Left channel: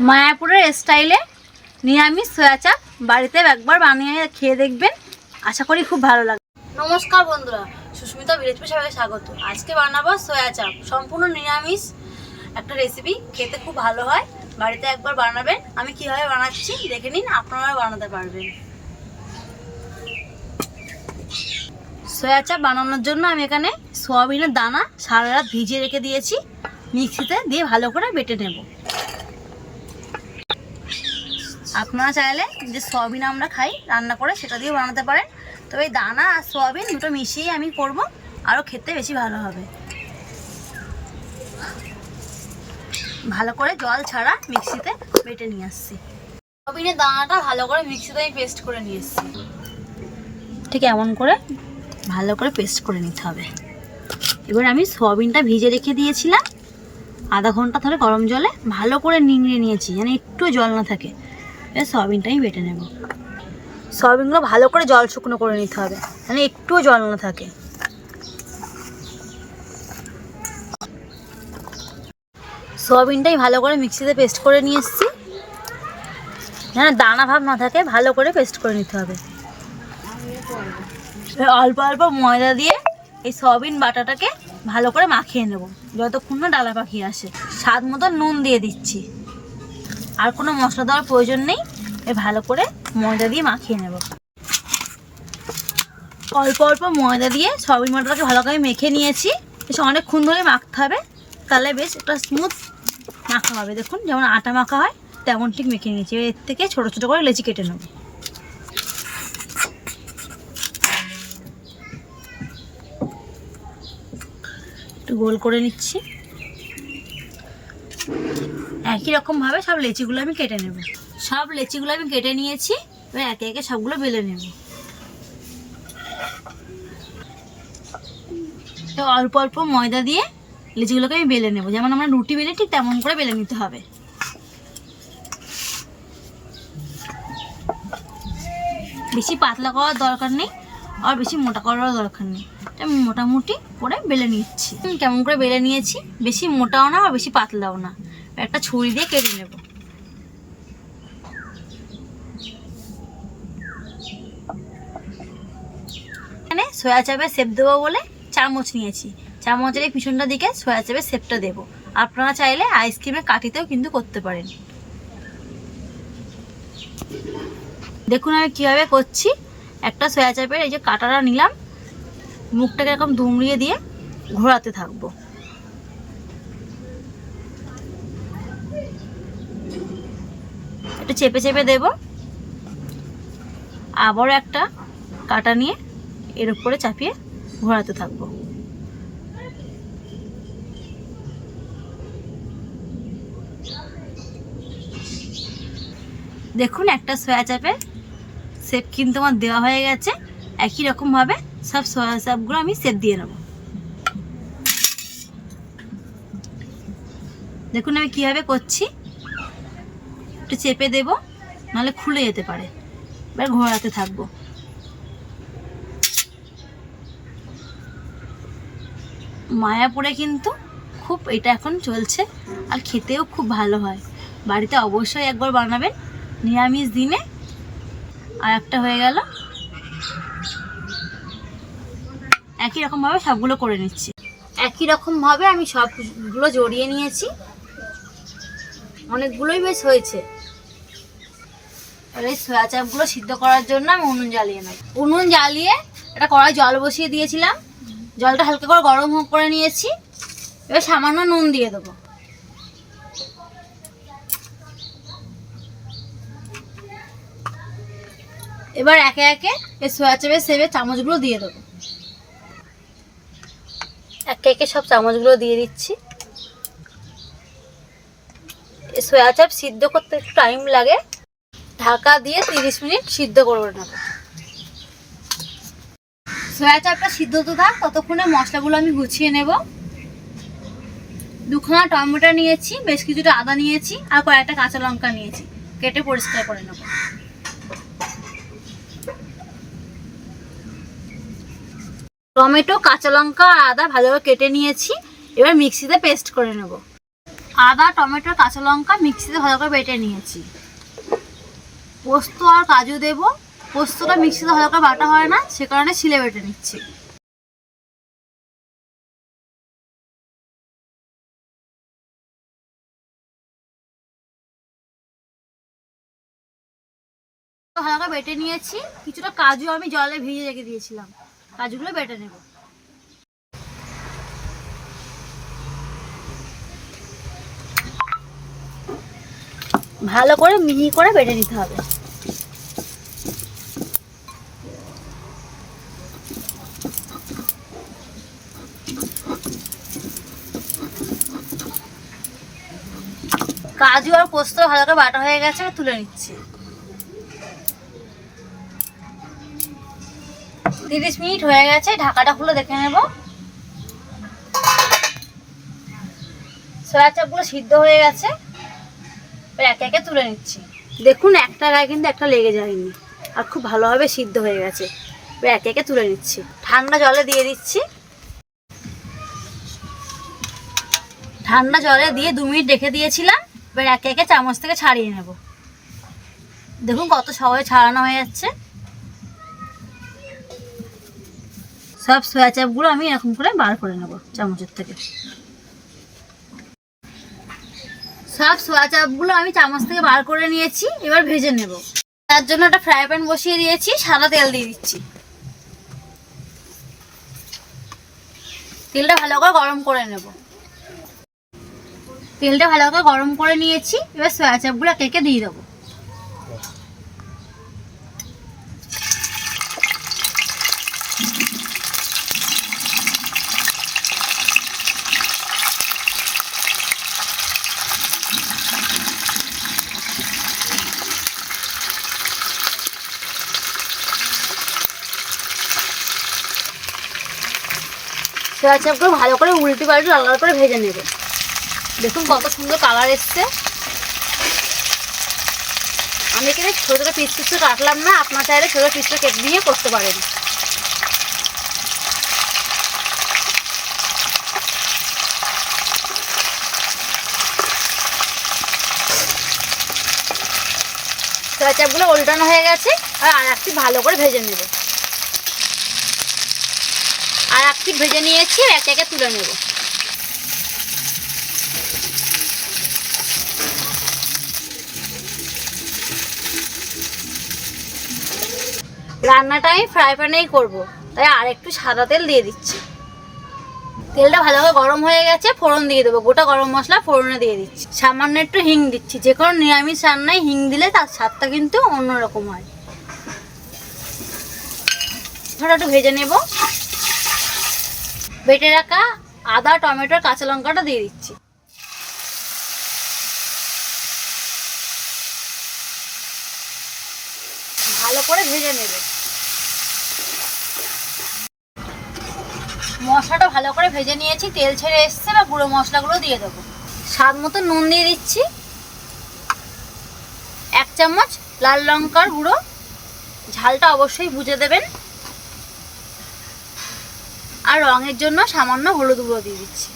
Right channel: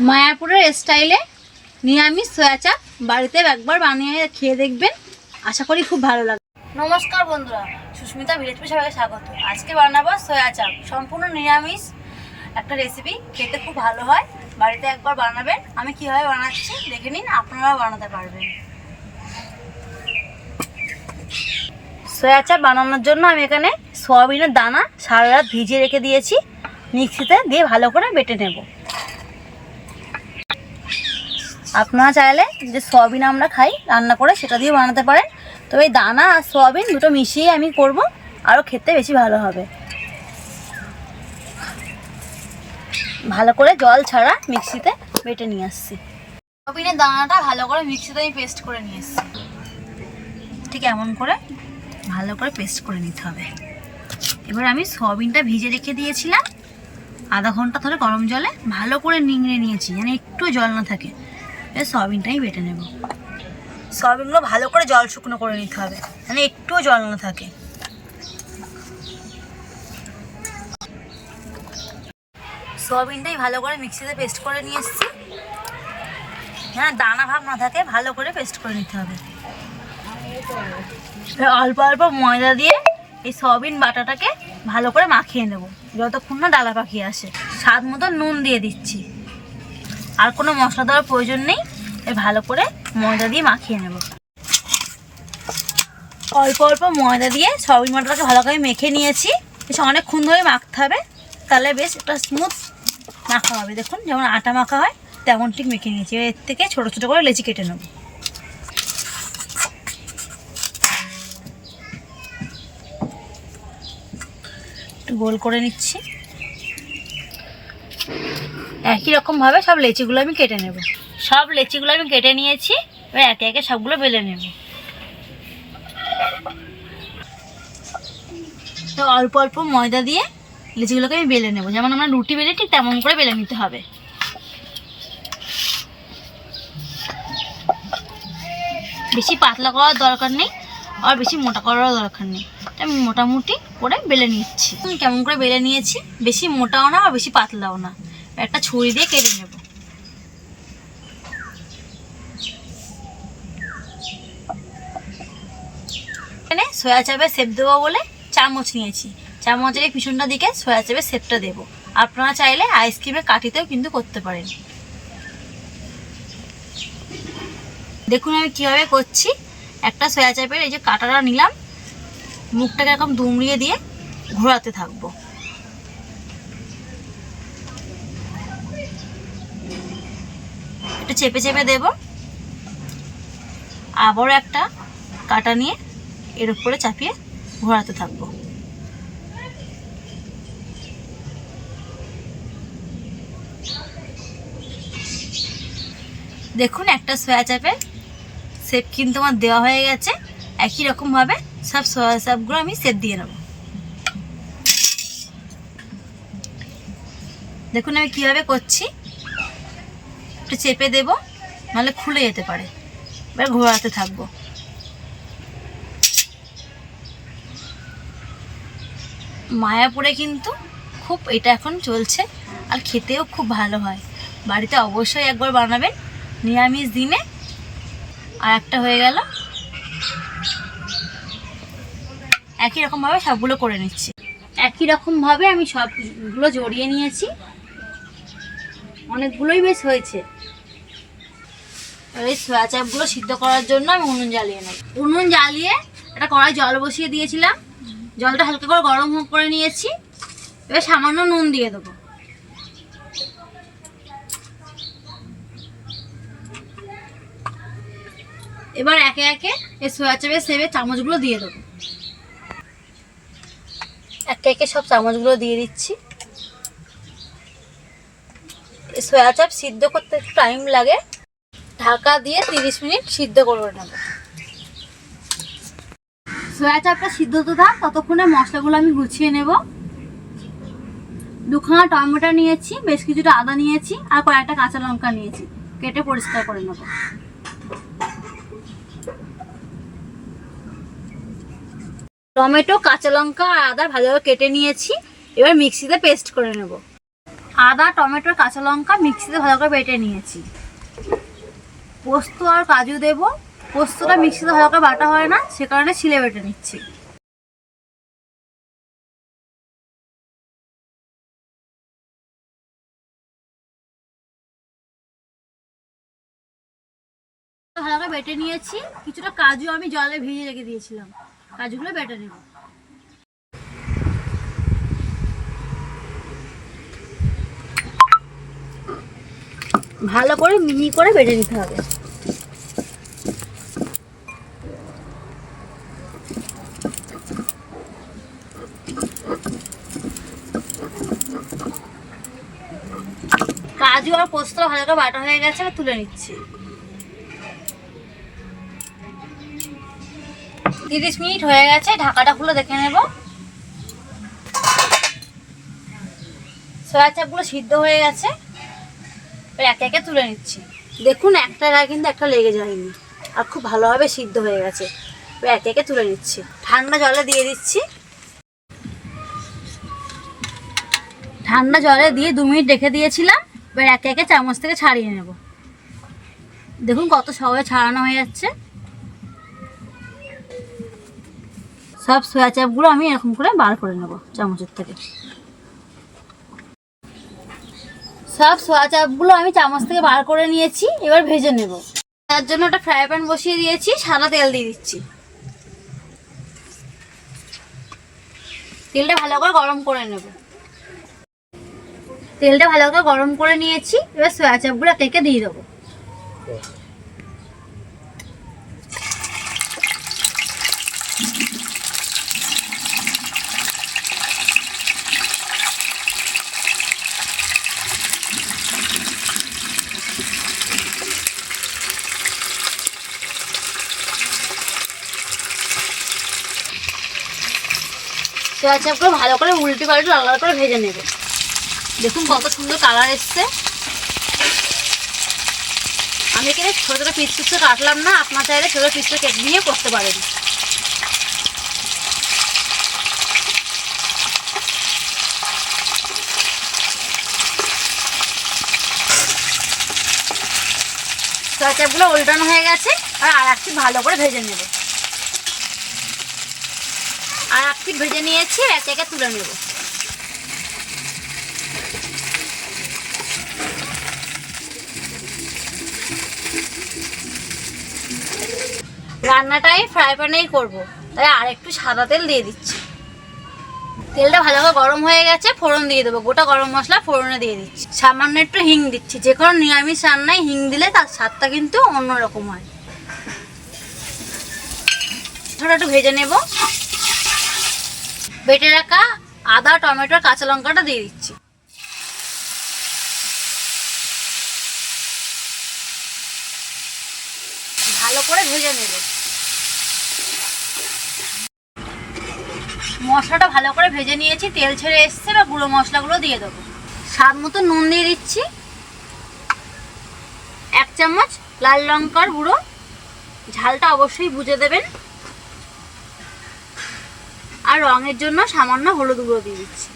মায়াপুরের স্টাইলে নিরামিষ সয়া চাপ বাড়িতে একবার বানিয়ে খেয়ে দেখবেন। আশা করি খুব ভালো লাগবে। নমস্কার বন্ধুরা, সুস্মিতা বিরেজপুর সবাইকে স্বাগত। আজকে বানাবো সয়া চাপ সম্পূর্ণ নিরামিষ একটা রেসিপি খেতে খুব ভালো হয়। বাড়িতে একবার বানাবেন। আমি কীভাবে বানাচ্ছি দেখে নিন, আপনারা বানাতে পারবেন। সয়া চাপ বানানোর জন্য আমি এখানে সোয়াবিনের দানা সারা রাত ভিজিয়ে রেখে দিয়েছি। মিক্সিতে দিয়ে ভালো করে বেটে নেব। আপনারা চাইলে যে সয়াবিন আমরা খাই, রান্না করে সেটা দিয়ে বানাতে পারেন। তবে এই দানা আর সয়াবিন দুটো মিশিয়ে আমি করব আরও খেতে বেশি ভালো হবে। ভালো করে জল ছাড়া মিক্সিতে বেটে নিয়ে আসছি। সয়াবিনের দানাটা ভালো করে মিক্সিতে আমি পেস্ট করে নিয়ে এসেছি। ঠিক এমন করে ভালো করে পেস্ট করে নিতে হবে। এবার আমি সয়াবিনটা ভিজে রেখে দিয়েছিলাম। আধা ঘণ্টা ধরে গরম জলে ভালো করে নিংড়ে নিয়েছি, যেন একটু জল না থাকে। এবার সয়াবিনটা বেটে নেব। সয়াবিনগুলো ভালো করে জল শুকনো করে নিতে হবে মানে একটুও জল না থাকে। সয়াবিনটাই ভালো করে মিক্সিতে পেস্ট করে নিয়ে এসেছি। যেন দানা ভাব না থাকে, ভালো করে পেস্ট করে নিতে হবে। অল্প অল্প ময়দা দিয়ে এই সয়াবিন বাটাটাকে ভালো করে মাখিয়ে নেব, যতক্ষণ না ডালা পাখি আসে। স্বাদ মতো নুন দিয়ে দিচ্ছি। আর কোনো মশলা দেওয়ার প্রয়োজন নেই। ভালো করে ময়দা দিয়ে মাখিয়ে নেব। অল্প অল্প ময়দা দিয়ে সবই বাটাটাকে ভালো করে মেখে নিয়েছি। বেশ অনেকক্ষণ ধরে মাখতে হবে। তাহলে বেশ একটা স্মুথ মাখা হবে। দেখুন, যেমন আটা মাখা হয়, তেমন ঠিক মেখে নিয়েছি। এর থেকে ছোটো ছোটো করে লেচি কেটে নেব। একটু গোল করে নিচ্ছি। একই রকমভাবে সব লেচিগুলো আমি কেটে নেব। সব লেচিগুলো আমি কেটে নিয়েছি, এবার একে একে সবগুলো বেলে নেব। তো অল্প অল্প ময়দা দিয়ে লেচিগুলোকে আমি বেলে নেব। যেমন আমরা রুটি বেলে ঠিক তেমন করে বেলে নিতে হবে। বেশি পাতলা করার দরকার নেই, আর বেশি মোটা করারও দরকার নেই। আমি মোটামুটি করে বেলে নিচ্ছি। কেমন করে বেলে নিয়েছি? বেশি মোটাও না আর বেশি পাতলাও না। একটা ছুরি দিয়ে কেটে নেব। এখানে সয়া চাপের সেপ দেবো বলে চামচ নিয়েছি। চামচের পিছনটা দিকে সয়া চাপের সেপটা দেবো। আপনারা চাইলে আইসক্রিমের কাঠিতেও কিন্তু করতে পারেন। দেখুন আমি কীভাবে করছি। একটা সয়া চাপের এই যে কাটাটা নিলাম। মুখটাকে এরকম দুমড়িয়ে দিয়ে ঘোরাতে থাকব। একটু চেপে চেপে দেব। আবারও একটা কাটা নিয়ে এর উপরে চাপিয়ে ঘোরাতে থাকব। দেখুন, একটা সয়া চাপের সেপ কিন্তু আমার দেওয়া হয়ে গেছে। একই রকমভাবে সব সয়া চাপগুলো আমি সেপ দিয়ে নেব। দেখুন আমি কীভাবে করছি। একটু চেপে দেব, নাহলে খুলে যেতে পারে। এবার ঘোরাতে থাকব। মায়াপুরে কিন্তু খুব এটা এখন চলছে, আর খেতেও খুব ভালো হয়। বাড়িতে অবশ্যই একবার বানাবেন, নিরামিষ দিনে। আর একটা হয়ে গেল। একই রকমভাবে সবগুলো করে নিচ্ছি। একই রকমভাবে আমি সবগুলো জড়িয়ে নিয়েছি। অনেকগুলোই বেশ হয়েছে। এবার এই সয়া চাপগুলো সিদ্ধ করার জন্য আমি উনুন জ্বালিয়ে নেব। উনুন জ্বালিয়ে একটা কড়াই জল বসিয়ে দিয়েছিলাম। জলটা হালকা করে গরম করে নিয়েছি। এবার সামান্য নুন দিয়ে দেবো। এবার একে একে এই সোয়া চাপের সেবে চামচগুলো দিয়ে দেবো। একে একে সব চামচগুলো দিয়ে দিচ্ছি। সয়া চাপ সিদ্ধ করতে একটু টাইম লাগে। ঢাকা দিয়ে তিরিশ মিনিট সিদ্ধ করে নেব। সয়া চাপটা সিদ্ধ তো থাক, ততক্ষণে মশলাগুলো আমি গুছিয়ে নেব। দুখানা টমেটো নিয়েছি, বেশ কিছুটা আদা নিয়েছি, আর কয়েকটা কাঁচা লঙ্কা নিয়েছি। কেটে পরিষ্কার করে নেব। টমেটো, কাঁচা লঙ্কা, আর আদা ভালোভাবে কেটে নিয়েছি। এবার মিক্সিতে পেস্ট করে নেব। আদা, টমেটো, কাঁচা লঙ্কা মিক্সিতে ভালো করে বেটে নিয়েছি। পোস্ত আর কাজু দেব। পোস্তটা মিক্সিতে ভালো করে বাটা হয় না, সে কারণে ছিলে বেটে নিচ্ছি। করে বেটে নিয়েছি। কিছুটা কাজু আমি জলে ভিজিয়ে রেখে দিয়েছিলাম। কাজুগুলো বেটে নেব। ভালো করে মিহি করে বেটে নিতে হবে। কাজু আর পোস্ত ভালো করে বাটা হয়ে গেছে, আমি তুলে নিচ্ছি। তিরিশ মিনিট হয়ে গেছে, ঢাকাটা খুলে দেখে নেব। সয়া চাপগুলো সিদ্ধ হয়ে গেছে। এবার একে একে তুলে নিচ্ছি। দেখুন, একটা গায়ে কিন্তু একটা লেগে যায়নি। আর খুব ভালোভাবে সিদ্ধ হয়ে গেছে। এবার একে একে তুলে নিচ্ছি। ঠান্ডা জলে দিয়ে দিচ্ছি। ঠান্ডা জলে দিয়ে দু মিনিট রেখে দিয়েছিলাম। এবার একে একে চামচ থেকে ছাড়িয়ে নেব। দেখুন কত সহজে ছাড়ানো হয়ে যাচ্ছে। সব সয়া চাপগুলো আমি এরকম করে বার করে নেব চামচের থেকে। সব সোয়া চাপগুলো আমি চামচ থেকে বার করে নিয়েছি, এবার ভেজে নেব। তার জন্য একটা ফ্রাই প্যান বসিয়ে দিয়েছি, সাদা তেল দিয়ে দিচ্ছি। তেলটা ভালো করে গরম করে নেব। তেলটা ভালো করে গরম করে নিয়েছি, এবার সোয়া চাপগুলো কেকে দিয়ে দেবো। সোয়া চাপগুলো ভালো করে উল্টে পাল্টে লাল করে ভেজে নেবে। দেখুন কত সুন্দর কালার এসছে। আমি এখানে ছোটো ছোটো পিস পিস কাটলাম না, আপনার চাইলে ছোটো পিস করে কেটে নিয়ে করতে পারেন। সোয়া চাপগুলো উল্টানো হয়ে গেছে, আর আর একটি ভালো করে ভেজে নেবে। আর একটি ভেজে নিয়েছি, এক একে তুলে নেব। রান্নাটা আমি ফ্রাই প্যানেই করব। তাই আর একটু সাদা তেল দিয়ে দিচ্ছি। তেলটা ভালোভাবে গরম হয়ে গেছে, ফোড়ন দিয়ে দেবো। গোটা গরম মশলা ফোড়নে দিয়ে দিচ্ছি। সামান্য একটু হিং দিচ্ছি। যে কোনো নিরামিষ রান্নায় হিং দিলে তার স্বাদটা কিন্তু অন্যরকম হয়। ছোটো একটু ভেজে নেব। বেটে রাখা আদা, টমেটোর কাঁচা লঙ্কাটা দিয়ে দিচ্ছি। ভালো করে ভেজে নেবে। মশলাটা ভালো করে ভেজে নিয়েছি, তেল ছেড়ে এসছে বা গুঁড়ো মশলাগুলো দিয়ে দেবো। স্বাদ মতো নুন দিয়ে দিচ্ছি। এক চামচ লাল লঙ্কার গুঁড়ো। ঝালটা অবশ্যই বুঝে দেবেন। আর রঙের জন্য সামান্য হলুদ গুঁড়ো দিয়ে দিচ্ছি।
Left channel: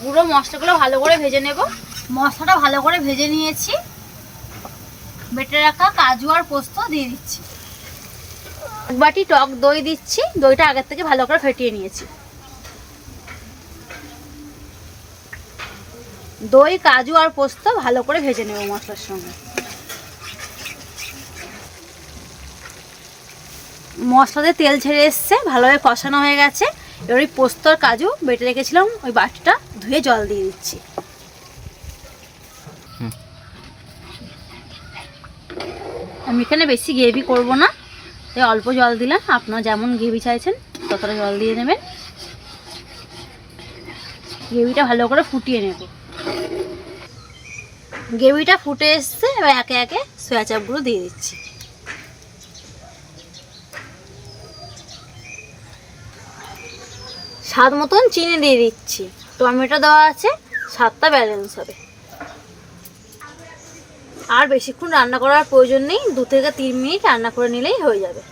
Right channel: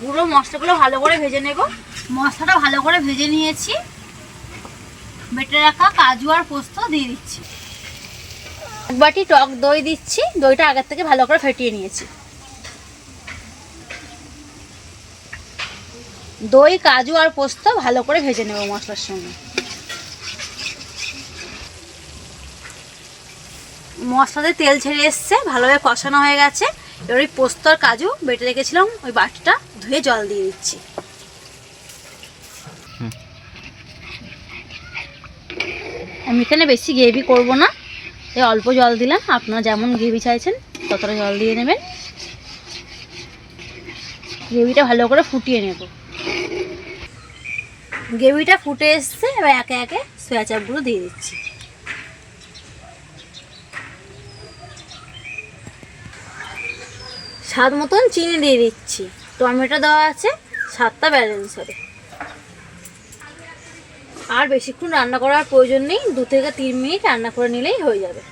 গুঁড়ো মশলাগুলো ভালো করে ভেজে নেব। মশলাটা ভালো করে ভেজে নিয়েছি। বেটে রাখা কাজু আর পোস্ত দিয়ে দিচ্ছি। এক বাটি টক দই দিচ্ছি। দইটা আগের থেকে ভালো করে ফেটিয়ে নিয়েছি। দই, কাজু আর পোস্ত ভালো করে ভেজে নেব মশলার সঙ্গে। মশলাতে তেল ছেড়ে এসছে, ভালোভাবে কষানো হয়ে গেছে। এবার ওই পোস্ত আর কাজু বেটে রেখেছিলাম, ওই বাটিটা ধুয়ে জল দিয়ে দিচ্ছি। আমি এখানে বেশি গ্রেভি করব না এই অল্প জল দিলাম, আপনারা যেমন গ্রেভি চাইছেন ততটা জল দিয়ে নেবেন। গ্রেভিটা ভালো করে ফুটিয়ে নেব। গ্রেভিটা ফুটে এসছে, এবার একে একে সয়া চাপগুলো দিয়ে দিচ্ছি। স্বাদ মতন চিনি দিয়ে দিচ্ছি। টমেটো দেওয়া আছে, স্বাদটা ব্যালেন্স হবে। আর বেশিক্ষণ রান্না করার প্রয়োজন নেই, দু থেকে তিন মিনিট রান্না করে নিলেই হয়ে যাবে।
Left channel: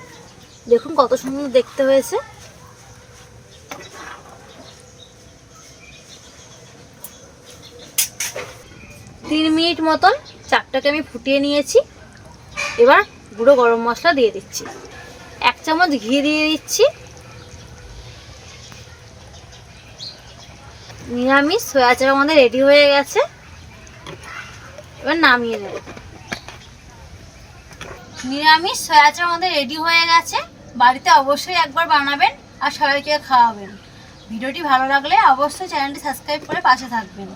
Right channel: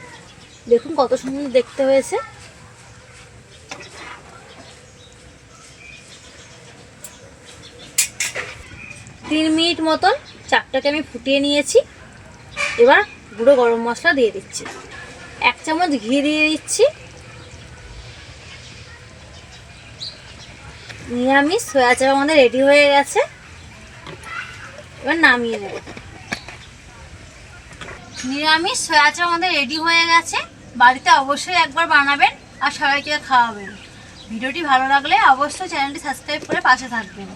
দেখুন কত সুন্দর দেখতে হয়েছে। তিন মিনিট মতন চাপটাকে আমি ফুটিয়ে নিয়েছি। এবার গুঁড়ো গরম মশলা দিয়ে দিচ্ছি। এক চামচ ঘি দিয়ে দিচ্ছি। নিরামিষ, সয়া চাপ আমাদের রেডি হয়ে গেছে। এবার নামিয়ে নেব। নিরামিষ, সয়া চাপ আমাদের রেডি হয়ে গেছে। বাড়িতে অবশ্যই একবার বানাবেন আর সবাইকে খাওয়াবেন। ভিডিওটি ভালো লাগলে অবশ্যই চ্যানেলটি সাবস্ক্রাইব করে পাশে থাকবেন।